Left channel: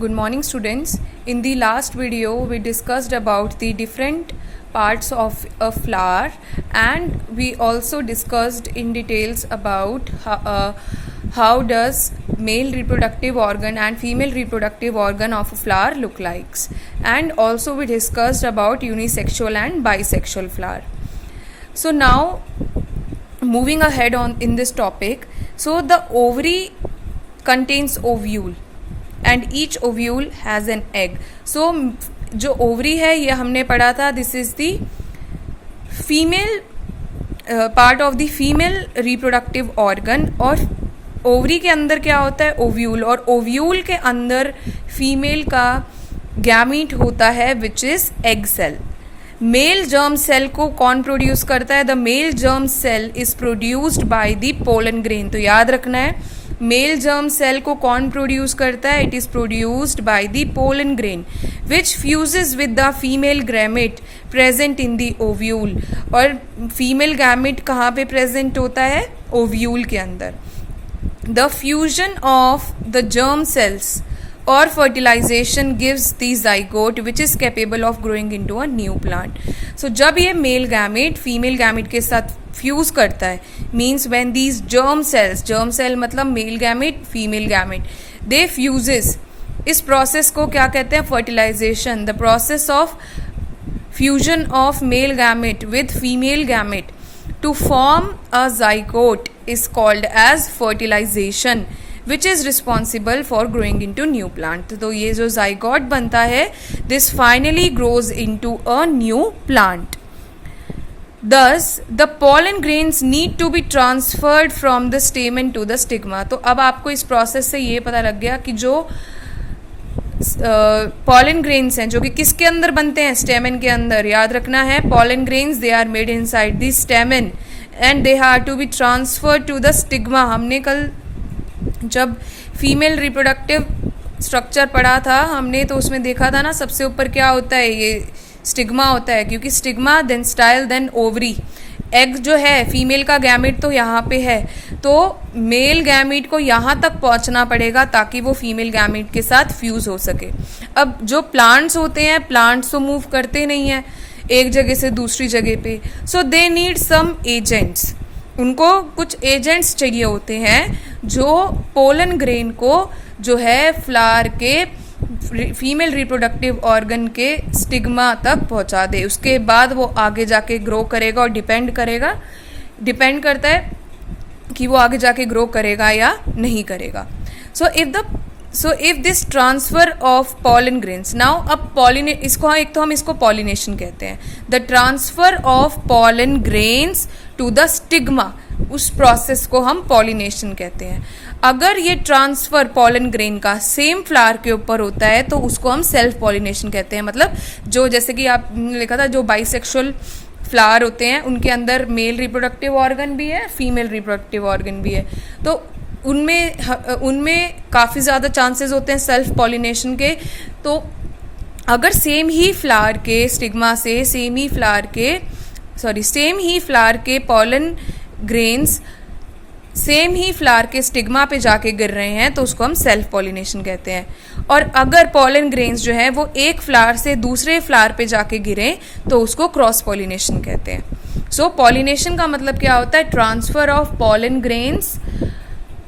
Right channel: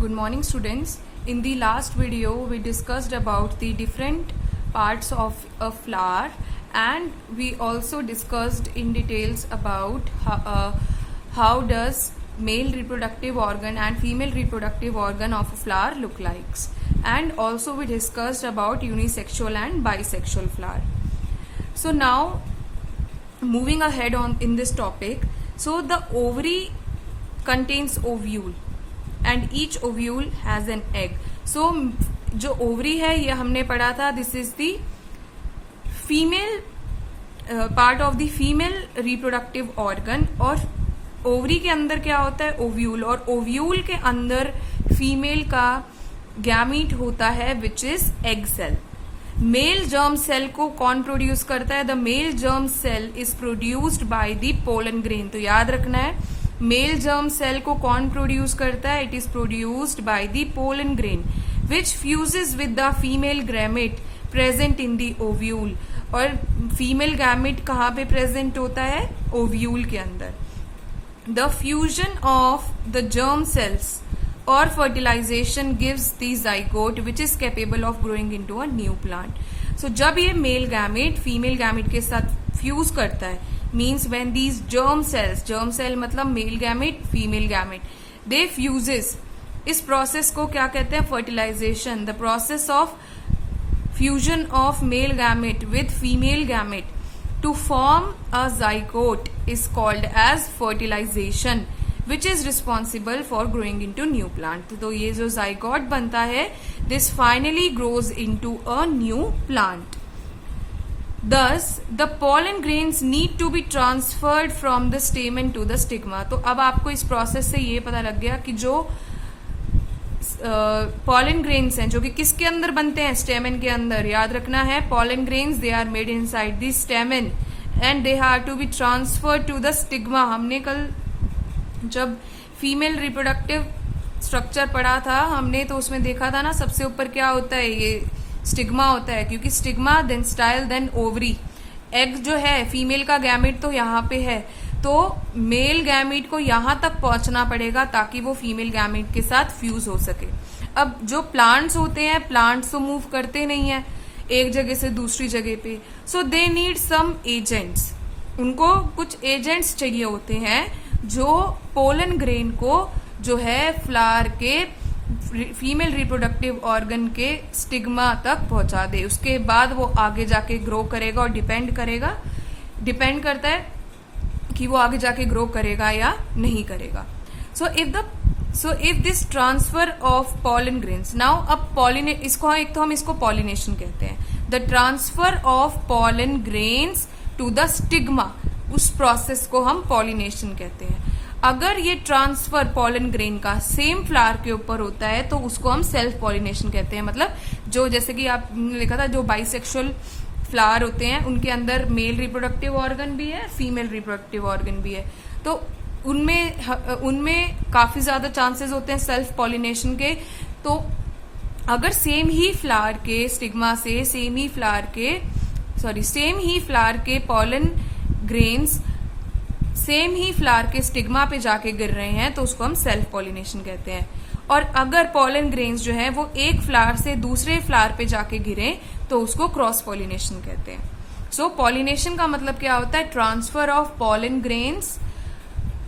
Good morning, students. In the last video, we discussed about the different parts of a flower, and we also discussed in details about how does male reproductive organ and female reproductive organ of a flower look like, and also we discussed about unisexual and bisexual flower. So now, moving ahead on in this topic, so the ovary contains ovule and each ovule has an egg. So जो ovary है ये हमने पढ़ा था, this is the female part of the female reproductive organ. और ovary के अंदर क्या होता है? ओव्यूल. और ओव्यूल के अंदर फीमेल का गैमीट होता है which is egg cell. Male germ cell को कौन प्रोड्यूस करता है? The male germ cell is produced by the pollen grain. तो याद रखना है, मेल जर्म सेल को कौन प्रोड्यूस करता है? It is produced by the pollen grain which fuses with the female gamete present in the ovule. और female gamete कहाँ पे प्रेजेंट होता है? ओव्यूल के अंदर. The fusion of the germ cells or fertilization gives the zygote which is capable of growing into a new plant. So जब ये mail gamete female gamete के साथ फ्यूज करता है, means when these germ cell मतलब male gamete female gamete, they fuses. इस process को क्या कहते हैं? Fertilisation. The process of fusion of male gamete with female gamete to form a zygote is called as fertilisation which is responsible for growing in to new plant. तो ये जो zygote बनता है, this finally grows in to a new plant. Thus, the pollen grains need to be transferred from the stamen to the stigma. तो अब आपको इस process से ये पता लग गया कि जो pollen grains हैं जो कि किसके अंदर बनते हैं? स्टेमन के अंदर. याद रखना है, pollen grains they are made inside the stamen and they have to be transferred to the stigma. हमने कल जब फीमेल रिप्रोडक्टिव स्ट्रक्चर पढ़ा था हमने, तो उसमें देखा था ना, सबसे ऊपर क्या होता है? ये स्टिग्मा होता है, क्योंकि stigma then style then ovary. Egg जो है फीमेल का गैमेट तो यहाँ पे है, तो मेल गैमेट को यहाँ तक पहुँचना पड़ेगा ताकि वो फीमेल गैमेट के साथ फ्यूज हो सके. अब जो प्लांट्स होते हैं, प्लांट्स तो मूव करते नहीं हैं एक जगह से दूसरी जगह पे, सो दे नीड सम एजेंट्स. उनको कुछ एजेंट्स चाहिए होते हैं जो पोलन ग्रेन को जो है फ्लावर के फीमेल रिप्रोडक्टिव ऑर्गन के स्टिग्मा तक पहुंचा दे. उसके बाद वो आगे जाके ग्रो करेगा, और डिपेंड करता है कि वो आगे जाके ग्रो करेगा या नहीं करेगा. So if this transfer of pollen grains, now अब इसको पॉलिनेशन कहते हैं. The transfer of pollen grains to the stigma, उस प्रोसेस को हम पॉलिनेशन कहते हैं. अगर ये ट्रांसफर पॉलन ग्रेन का सेम फ्लावर के ऊपर होता है तो उसको हम सेल्फ पॉलिनेशन कहते हैं. मतलब जो, जैसे कि आपने लिखा था, जो बाइसेक्सुअल फ्लावर होते हैं उनके अंदर मेल रिप्रोडक्टिव ऑर्गन भी है, फीमेल रिप्रोडक्टिव ऑर्गन भी है, तो उनमें काफ़ी ज़्यादा चांसेस होते हैं सेल्फ पॉलिनेशन के. तो अगर सेम ही फ्लावर के स्टिग्मा से सेम ही फ्लावर के पॉलन ग्रेन्स सेम ही फ्लावर के स्टिग्मा पे जाके गिर रहे हैं तो उसको हम सेल्फ पॉलिनेशन कहते हैं. और अगर पॉलन ग्रेन्स जो है वो एक फ्लावर से दूसरे फ्लावर पे जाके गिरे तो उसको क्रॉस पॉलिनेशन कहते हैं. सो पॉलिनेशन का मतलब क्या होता है? Transfer of pollen grains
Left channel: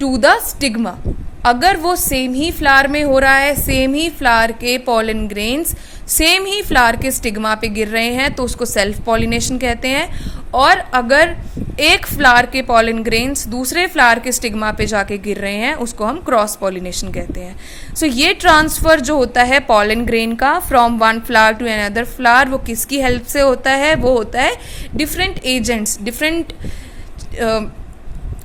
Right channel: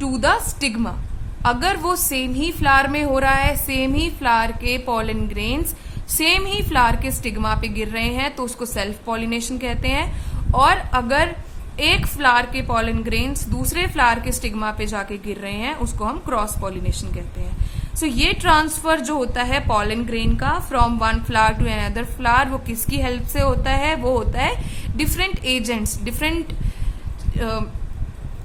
to the stigma. अगर वो सेम ही फ्लावर में हो रहा है, सेम ही फ्लावर के पॉलन ग्रेन्स सेम ही फ्लावर के स्टिग्मा पे गिर रहे हैं तो उसको सेल्फ पॉलिनेशन कहते हैं. और अगर एक फ्लावर के पॉलन ग्रेन्स दूसरे फ्लावर के स्टिग्मा पे जाके गिर रहे हैं उसको हम क्रॉस पॉलिनेशन कहते हैं. सो ये ट्रांसफर जो होता है पॉलन ग्रेन का from one flower to another flower, वो किसकी हेल्प से होता है? वो होता है डिफरेंट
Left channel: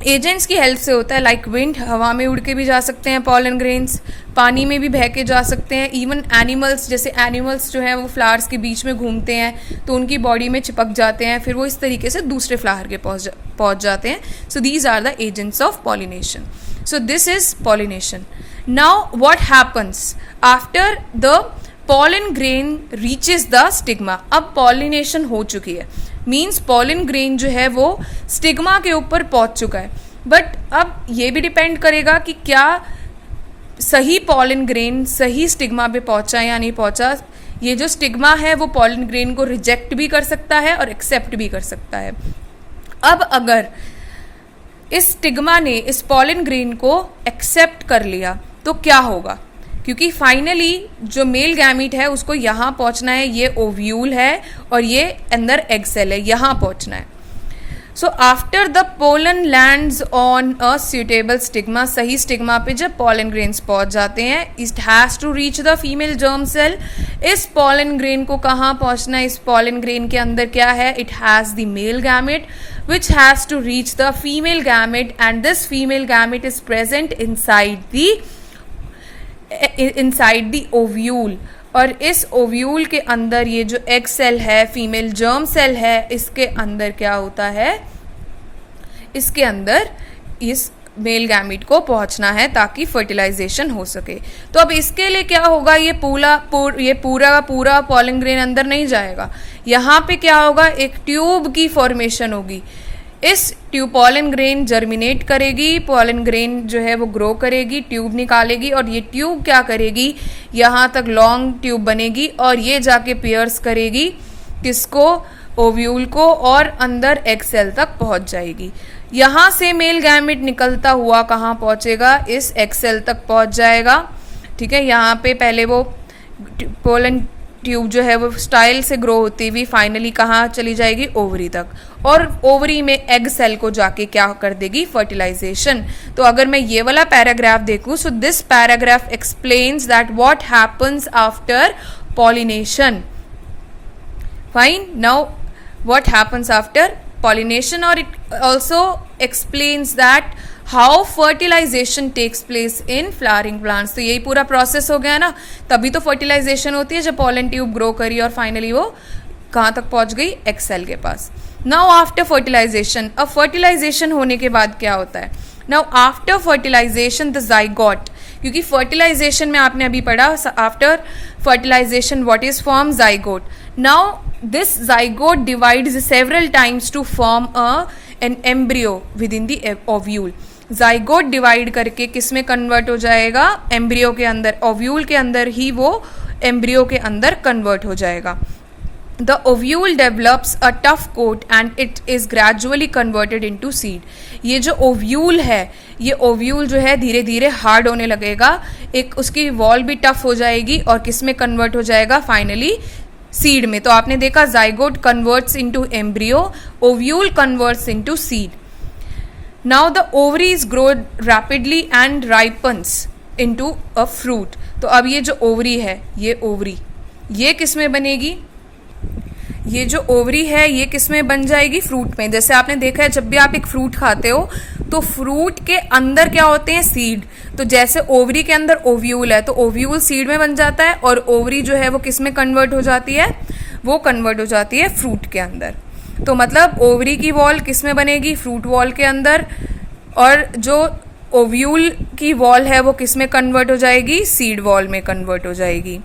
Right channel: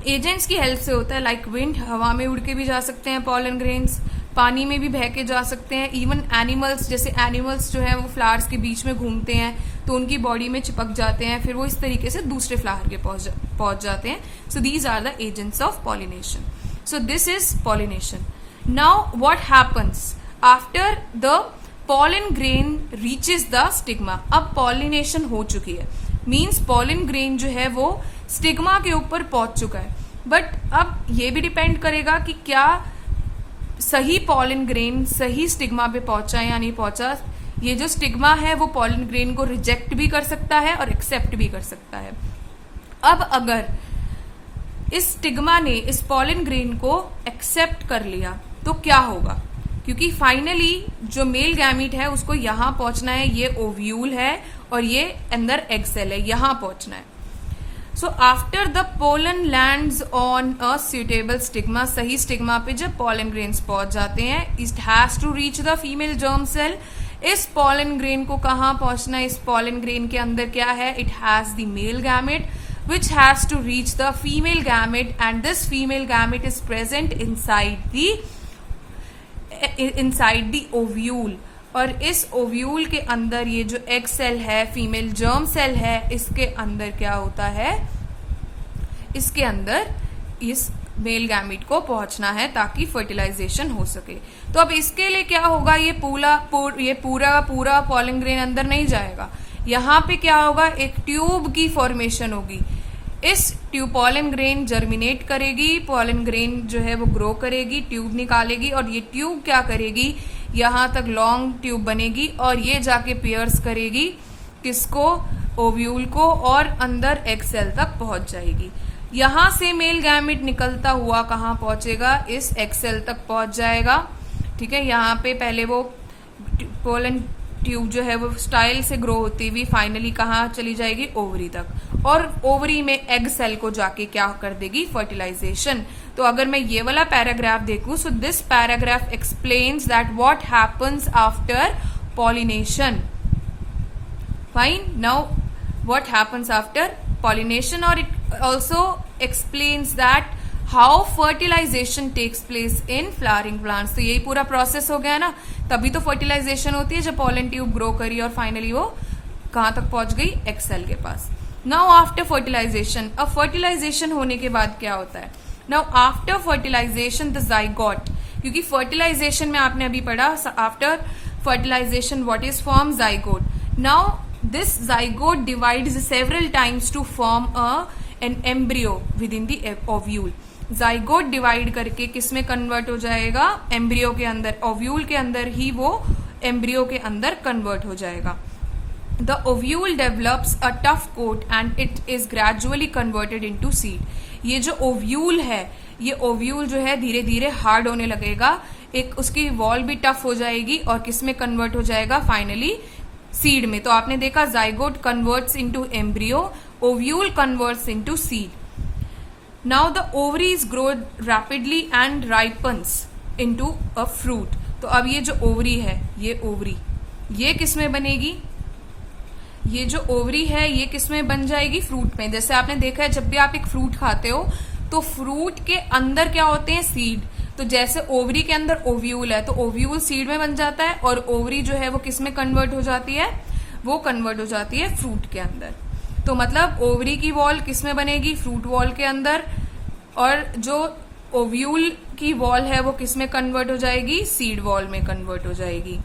एजेंट्स की हेल्प से होता है. लाइक विंड, हवा में उड़ के भी जा सकते हैं पॉलन ग्रेन्स, पानी में भी बह के जा सकते हैं. इवन एनिमल्स, जैसे एनिमल्स जो है वो फ्लावर्स के बीच में घूमते हैं तो उनकी बॉडी में चिपक जाते हैं, फिर वो इस तरीके से दूसरे फ्लावर के पहुंच जाते हैं. So these are the agents of pollination. So this is pollination. Now what happens after the pollen grain reaches the stigma. अब पॉलिनेशन हो चुकी है, मीन्स पॉलन ग्रेन जो है वो स्टिग्मा के ऊपर पहुंच चुका है. बट अब ये भी डिपेंड करेगा कि क्या सही पॉलन ग्रेन सही स्टिग्मा पे पहुंचा या नहीं पहुंचा, ये जो स्टिग्मा है वो पॉलन ग्रेन को रिजेक्ट भी कर सकता है और एक्सेप्ट भी कर सकता है। अब अगर इस स्टिग्मा ने इस पॉलन ग्रेन को एक्सेप्ट कर लिया तो क्या होगा, क्योंकि फाइनली जो मेल गैमीट है उसको यहां पहुंचना है, ये ओव्यूल है और ये अंदर एग सेल है, यहां पहुंचना है। So after the pollen lands on a suitable stigma, सही स्टिग्मा पे जब पॉलन ग्रेन्स पहुंच जाते हैं, it has to reach the female germ cell. इस पॉलन ग्रेन को कहाँ पहुंचना है, इस पॉलन ग्रेन के अंदर क्या है, it has the male gamete which has to reach the female gamete, and this female gamete is present inside the ovule। और इस ओव्यूल के अंदर ये जो एग सेल है, फीमेल जर्म सेल है, इसके अंदर क्या होता है, इसके अंदर इस मेल गैमीट को पहुंचना है ताकि फर्टिलाइजेशन हो सके। तो अब इसके लिए क्या होगा, ये पूरा पॉलन ग्रेन अंदर नहीं जाएगा, यहाँ पे क्या होगा, एक ट्यूब की फॉर्मेशन होगी। इस ट्यूब पॉलन ग्रेन जर्मिनेट करेगी, पॉलन ग्रेन जो है वो ग्रो करेगी, ट्यूब निकालेगी और ये ट्यूब क्या करेगी, यहाँ तक लॉन्ग ट्यूब बनेगी और ये जाके पियर्स करेगी किसको, ओव्यूल को, और अंदर एग सेल तक पहुंच जाएगी। यहाँ से मेल गैमेट निकलता हुआ कहाँ पहुंचेगा, इस एग सेल तक पहुंच जाएगा। ठीक है, यहाँ पे पहले वो पोलन ट्यूब जो है वो स्टाइल से ग्रो होती हुई फाइनली कहाँ चली जाएगी, ओवरी तक, और ओवरी में एग सेल को जाके क्या कर देगी, फर्टिलाइजेशन। तो अगर मैं ये वाला पैराग्राफ देखूं, so this paragraph explains that what happens after pollination. Fine, now what happens after pollination, or it also explains that how fertilization takes place in flowering plants। तो यही पूरा प्रोसेस हो गया ना, तभी तो फर्टिलाइजेशन होती है जब पॉलन ट्यूब ग्रो करी और फाइनली वो कहाँ तक पहुंच गई, एग सेल के पास। नाउ आफ्टर फर्टिलाइजेशन, अब फर्टिलाइजेशन होने के बाद क्या होता है, now after fertilisation the zygote, क्योंकि फर्टिलाइजेशन में आपने अभी पढ़ा after fertilisation what is form, zygote. Now this zygote divides several times to form an embryo within the ovule। zygote divide करके किस में कन्वर्ट हो जाएगा, एम्ब्रियो के अंदर, ओव्यूल के अंदर ही वो एम्ब्रियो के अंदर कन्वर्ट हो जाएगा। The ovule develops a tough coat and it is gradually converted into seed। ये जो ओव्यूल है, ये ओव्यूल जो है धीरे धीरे हार्ड होने लगेगा, एक उसकी वॉल भी टफ हो जाएगी और किस में कन्वर्ट हो जाएगा, फाइनली सीड में। तो आपने देखा zygote converts into embryo, ovule converts into seed. Now the ovaries grow rapidly and ripens into a fruit. तो अब ये जो ओवरी है, ये ओवरी ये किस में बनेगी, ये जो ओवरी है ये किस में बन जाएगी, फ्रूट में। जैसे आपने देखा है जब भी आप एक फ्रूट खाते हो तो फ्रूट के अंदर क्या होते हैं, सीड। तो जैसे ओवरी के अंदर ओव्यूल है तो ओव्यूल सीड में बन जाता है और ओवरी जो है वो किस में कन्वर्ट हो जाती है, वो कन्वर्ट हो जाती है फ्रूट के अंदर। तो मतलब ओवरी की वॉल किस में बनेगी, फ्रूट वॉल के अंदर, और जो ओव्यूल की वॉल है वो किस में कन्वर्ट हो जाएगी, सीड वॉल में कन्वर्ट हो जाएगी।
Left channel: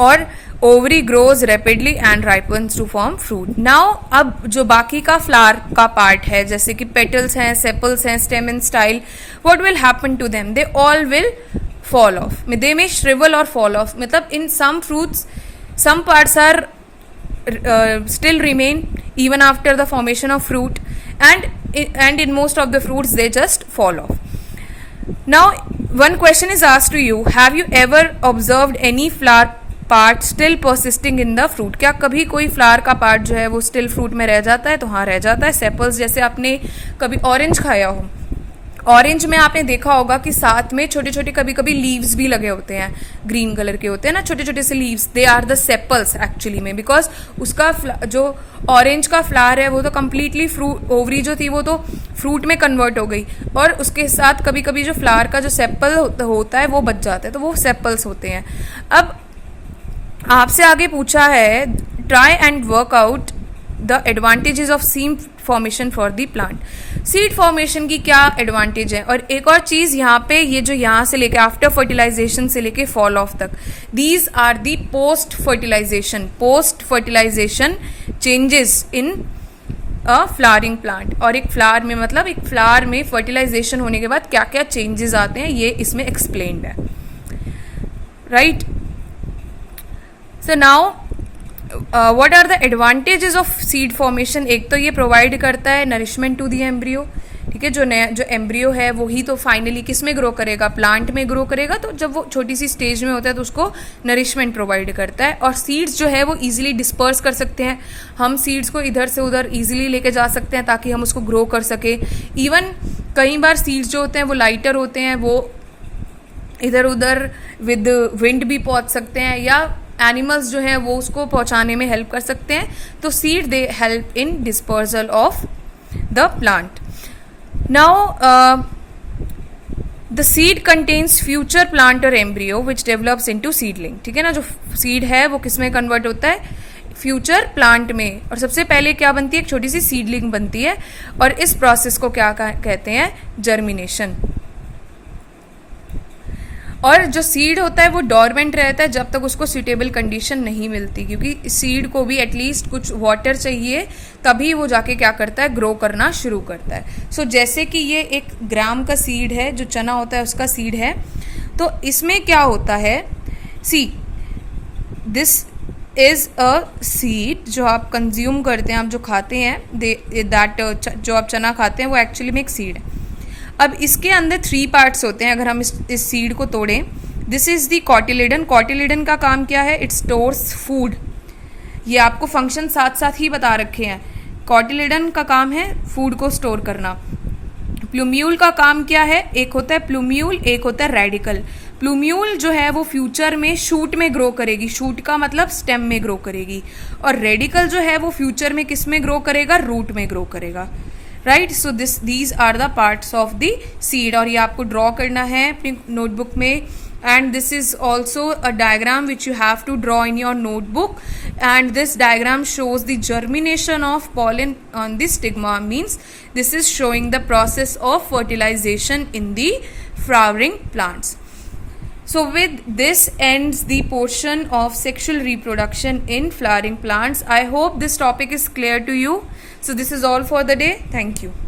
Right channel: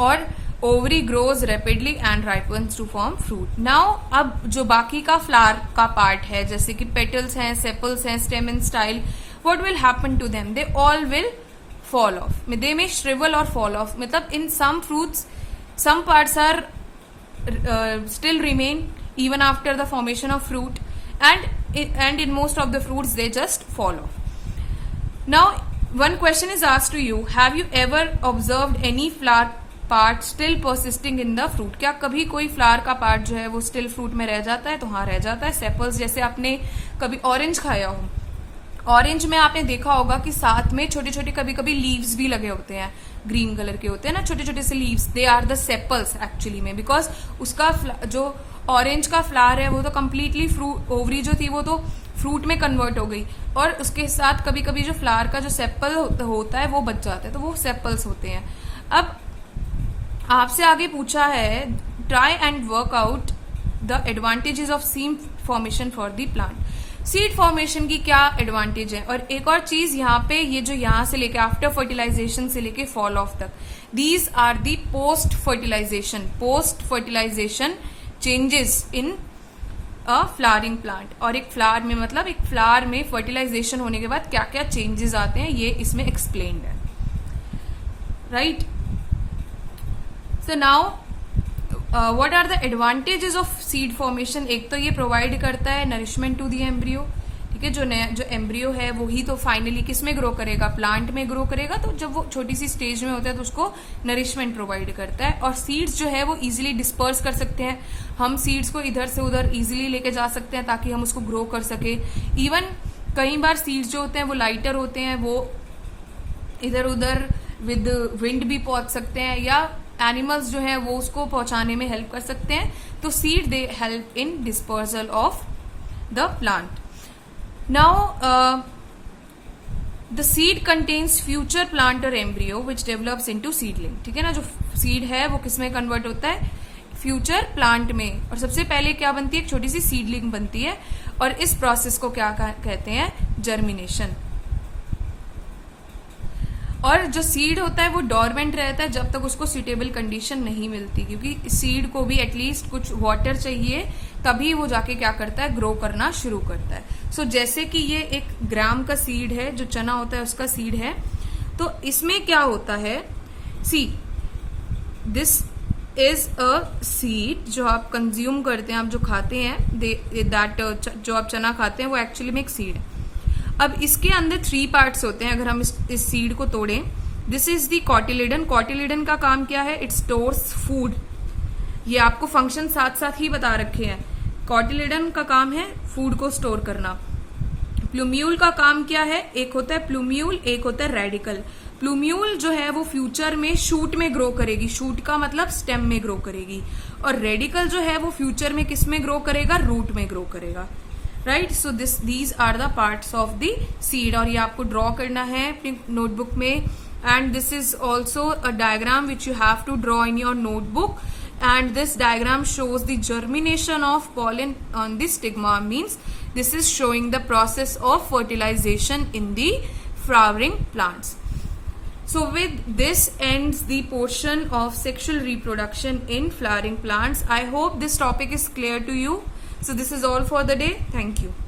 और ovary grows rapidly and ripens to form fruit. Now अब जो बाकी का फ्लावर का पार्ट है, जैसे कि पेटल्स हैं, सेपल्स हैं, stem and style, what will happen to them, they all will fall off, they may shrivel or fall off। मतलब in some fruits some parts are still remain even after the formation of fruit, and in most of the fruits they just fall off। Now one question is asked to you, have you ever observed any flower part still persisting in the fruit? क्या कभी कोई flower का part जो है वो still fruit में रह जाता है? तो हाँ, रह जाता है। सेपल्स, जैसे आपने कभी ऑरेंज खाया हो, ऑरेंज में आपने देखा होगा कि साथ में छोटे छोटे कभी कभी लीव्स भी लगे होते हैं, ग्रीन कलर के होते हैं ना छोटे छोटे से leaves, they are the sepals actually में, बिकॉज उसका जो ऑरेंज का फ्लावर है वो तो कम्प्लीटली फ्रूट, ओवरी जो थी वो तो फ्रूट में कन्वर्ट हो गई, और उसके साथ कभी कभी जो फ्लावर का जो सेपल होता है वो बच जाता है, तो वो सेपल्स होते हैं। अब आपसे आगे पूछा है, try and work out the advantages of seed formation for the plant. Seed formation की क्या एडवांटेज है? और एक और चीज यहाँ पे, ये जो यहाँ से लेके आफ्टर फर्टिलाइजेशन से लेके फॉल ऑफ तक, these are the post fertilisation changes in a flowering plant. और एक फ्लावर में मतलब एक फ्लावर में फर्टिलाइजेशन होने के बाद क्या क्या चेंजेस आते हैं ये इसमें एक्सप्लेन्ड है, right. So now what are the advantages of seed formation. एक तो ये प्रोवाइड करता है नरिशमेंट टू द एम्ब्रियो, ठीक है। जो एम्ब्रियो है वही तो फाइनली किस में ग्रो करेगा, प्लांट में ग्रो करेगा। तो जब वो छोटी सी स्टेज में होता है तो उसको नरिशमेंट प्रोवाइड करता है। और सीड्स जो है वो इजीली डिस्पर्स कर सकते हैं, हम सीड्स को इधर से उधर इजीली लेके जा सकते हैं ताकि हम उसको ग्रो कर सके। इवन कई बार सीड्स जो होते हैं वो लाइटर होते हैं, वो इधर उधर विद विंड भी पहुंच सकते हैं, या एनिमल्स जो है वो उसको पहुंचाने में हेल्प कर सकते हैं। तो seed they help in dispersal of the plant. Now, the seed contains future plant or embryo which develops into seedling, ठीक है ना। जो सीड है वो किस में कन्वर्ट होता है, फ्यूचर प्लांट में। और सबसे पहले क्या बनती है, एक छोटी सी सीडलिंग बनती है। और इस प्रोसेस को क्या कहते हैं, जर्मिनेशन। और जो सीड होता है वो डोरमेंट रहता है जब तक उसको सुटेबल कंडीशन नहीं मिलती, क्योंकि सीड को भी एटलीस्ट कुछ वाटर चाहिए, तभी वो जाके क्या करता है, ग्रो करना शुरू करता है। सो जैसे कि ये एक ग्राम का सीड है, जो चना होता है उसका सीड है। तो इसमें क्या होता है, see this is a seed जो आप कंज्यूम करते हैं, आप जो खाते हैं, दैट जो आप चना खाते हैं वो एक्चुअली में एक सीड है। अब इसके अंदर 3 पार्ट्स होते हैं। अगर हम इस सीड को तोड़ें, this is the cotyledon. Cotyledon का काम क्या है, इट स्टोर्स फूड। ये आपको फंक्शन साथ साथ ही बता रखे हैं। कॉटिलेडन का काम है फूड को स्टोर करना। प्लूम्यूल का काम क्या है, एक होता है प्लूम्यूल, एक होता है रेडिकल। प्लूम्यूल जो है वो फ्यूचर में शूट में ग्रो करेगी, शूट का मतलब स्टेम में ग्रो करेगी। और रेडिकल जो है वो फ्यूचर में किस में ग्रो करेगा, रूट में ग्रो करेगा, right. So these are the parts of the seed. और ये आपको ड्रॉ करना है अपनी नोटबुक में। And this is also a diagram which you have to draw in your notebook. And this diagram shows the germination of pollen on the stigma, means this is showing the process of fertilization in the flowering plants. So with this ends the portion of sexual reproduction in flowering plants. I hope this topic is clear to you. So this is all for the day. Thank you.